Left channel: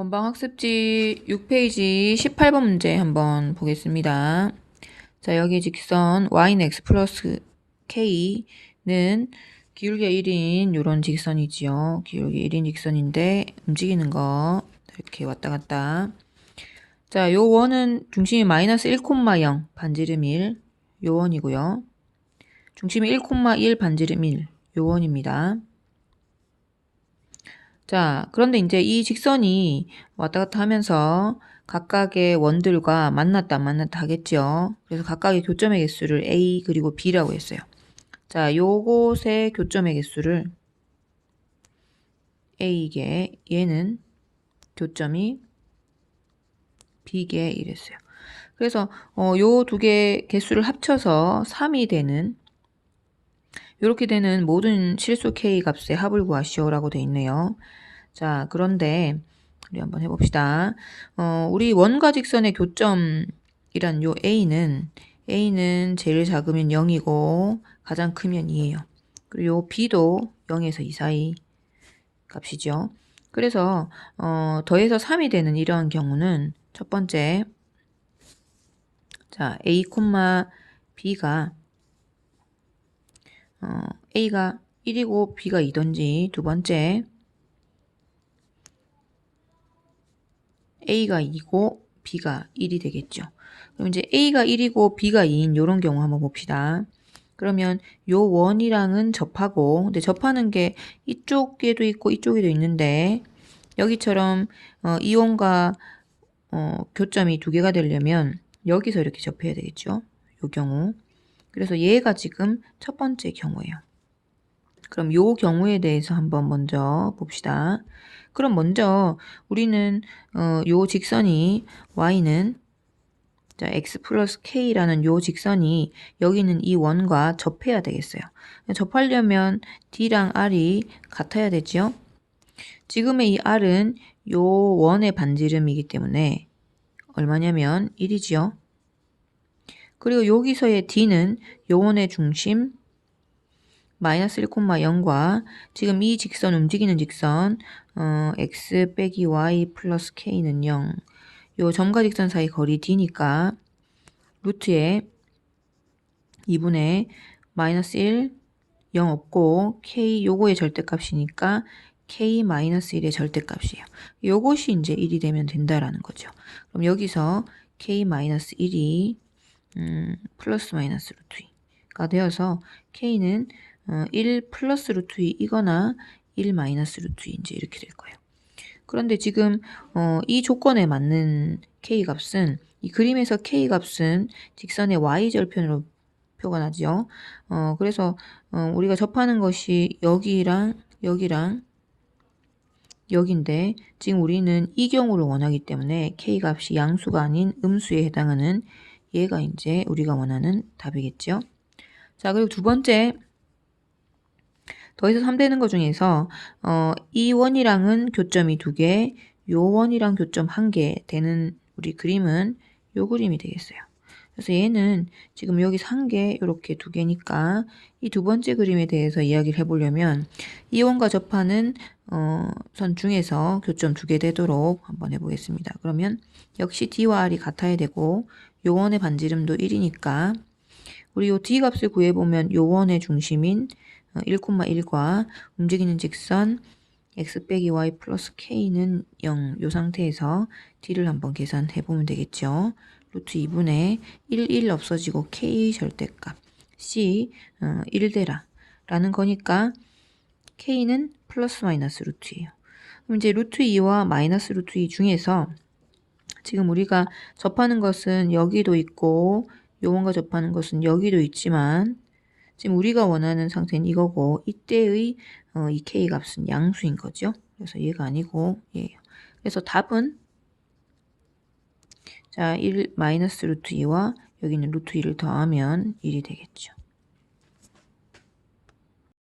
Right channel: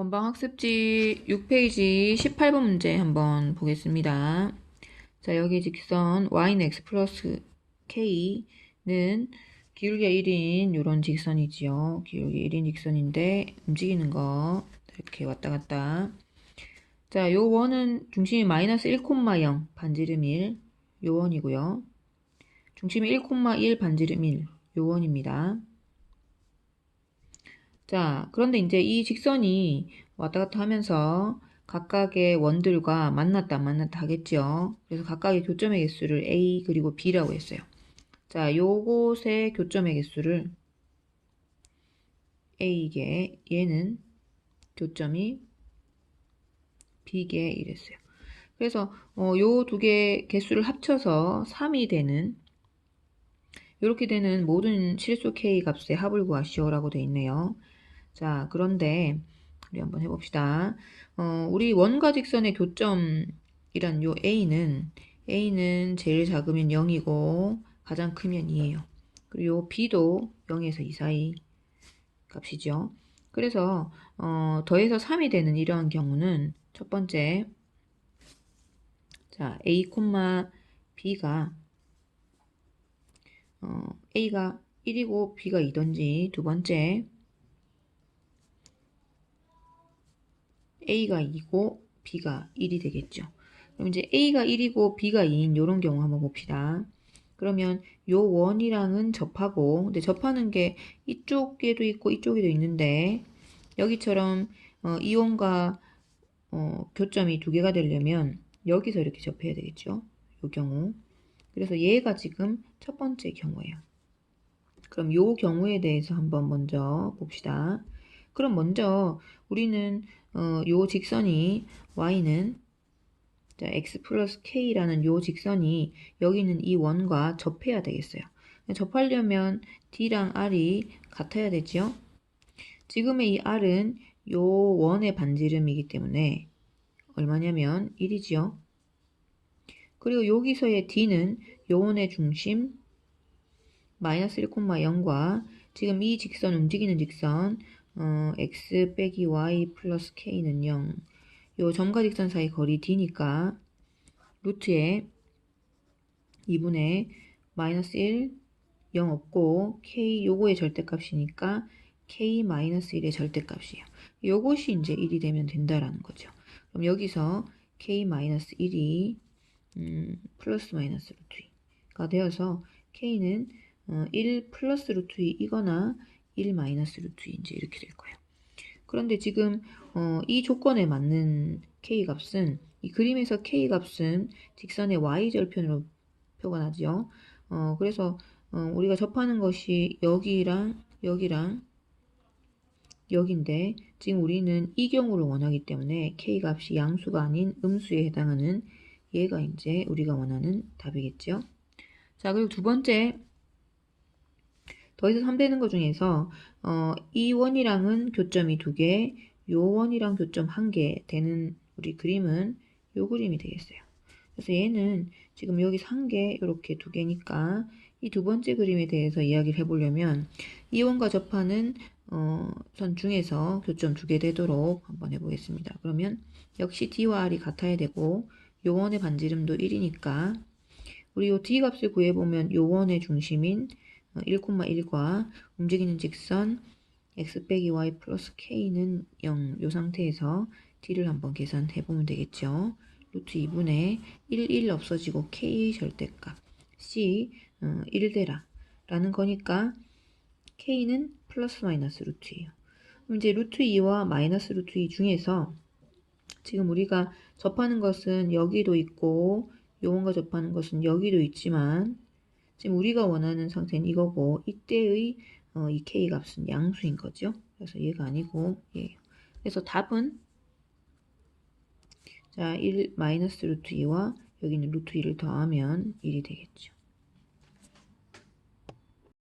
원방 학습지 6페이지 18번 문제 한번 보겠습니다. 자, 여기 직선 y는 x 플러스 k는 기울기가 1인 이런 직선이지요. 기울기 1인 직선인데 움직이는 거 이렇게 왔다 갔다. 자, 요 원은 중심이 마이너스 1,0 반지름 1, 요 원이고요. 중심이 1,1 반지름 1, 요 원입니다. 자, 그런데 이제 이 직선이 왔다 갔다 하면서 각각의 원들과 만났다 만났다 하겠죠. 그래서 각각의 교점의 개수를 A 그리고 B라고 했어요. 자, 요곳의 교점의 개수를 A개, 얘는 교점이 B개 이랬어요. 그래서 어, 요 두 개 개수를 합쳐서 3이 되는 이렇게 되는 모든 실수 K 값의 합을 구하시오라고 되어 있네요. 자, 그런데 우리 한번 해봅시다. 어, 우리 원과 직선의 교점이란 요 A는 A는 제일 작으면 0이고 가장 크면 2예요. 그리고 요 B도 0에서 2 사이 값이죠. 그래서 어, 더해서 3이 되는 이런 경우는 첫 번째 자 A, B가 어, A가 1이고 B가 2던지 두 번째 A가 2고 B가 1이 되겠죠. 그럼 이제 A가 1이고 B가 2인 이런 경우 한번 봅시다. 그러면 요 원이랑은 접하고 근데 접하는 게 이쪽에도 있고 이쪽에도 있는데 여기처럼 어, 이 원과 어, 교점이 두 개가 되려면 여기서 이렇게 접해야 되겠죠. 요 경우. 그래서 얘가 지금 첫 번째 경우예요. 그럼 요 경우에 대해서 한번 먼저 봅시다. 그럼 먼저 우리는 어, 요 직선이 y는 자, x 플러스 k라는 요 직선이 여기는 이 원과 접해야 되겠어요. 접하려면 d랑 r이 같아야 되죠. 지금의 이 r은 요 원의 반지름이기 때문에 얼마냐면 1이지요. 그리고 여기서의 d는 요 원의 중심 마이너스 1,0과 지금 이 직선 움직이는 직선 어, x 빼기 y 플러스 k는 0. 요 점과 직선 사이 거리 d니까 루트에 2분의 마이너스 1, 0 없고 k 요거의 절대값이니까 k 마이너스 1의 절대값이에요. 요것이 이제 1이 되면 된다라는 거죠. 그럼 여기서 k 마이너스 1이 음, 플러스 마이너스 루트 2가 되어서 k는 어, 1 플러스 루트 2이거나 1 마이너스 루트 2 이제 이렇게 될 거예요. 그런데 지금 어, 이 조건에 맞는 k 값은 이 그림에서 k 값은 직선의 y 절편으로 표가 나죠. 어, 그래서 어, 우리가 접하는 것이 여기랑 여기랑 여기인데 지금 우리는 이 경우를 원하기 때문에 k 값이 양수가 아닌 음수에 해당하는 얘가 이제 우리가 원하는 답이겠죠. 자 그리고 두 번째 더해서 3 되는 것 중에서 어, 이 원이랑은 교점이 두 개, 요 원이랑 교점 한 개 되는 우리 그림은 요 그림이 되겠어요. 그래서 얘는 지금 여기 한 개, 이렇게 두 개니까 이 두 번째 그림에 대해서 이야기를 해보려면 이 원과 접하는 어, 선 중에서 교점 두 개 되도록 한번 해보겠습니다. 그러면 역시 D와 R이 같아야 되고 요 원의 반지름도 1이니까 우리 요 D 값을 구해보면 요 원의 중심인 1,1과 어, 움직이는 직선 x 빼기 y 플러스 k는 0. 이 상태에서 d를 한번 계산해 보면 되겠죠. 루트 2분의 1, 1 없어지고 k 절대값 c 어, 1대라 라는 거니까 k는 플러스 마이너스 루트예요. 그럼 이제 루트 2와 마이너스 루트 2 중에서 지금 우리가 접하는 것은 여기도 있고 요원과 접하는 것은 여기도 있지만 지금 우리가 원하는 상태는 이거고 이때의 어, 이 k 값은 양수인 거죠. 그래서 얘가 아니고 얘예요. 그래서 답은 자, 1 마이너스 루트 2와 여기는 루트 2를 더하면 1이 되겠죠.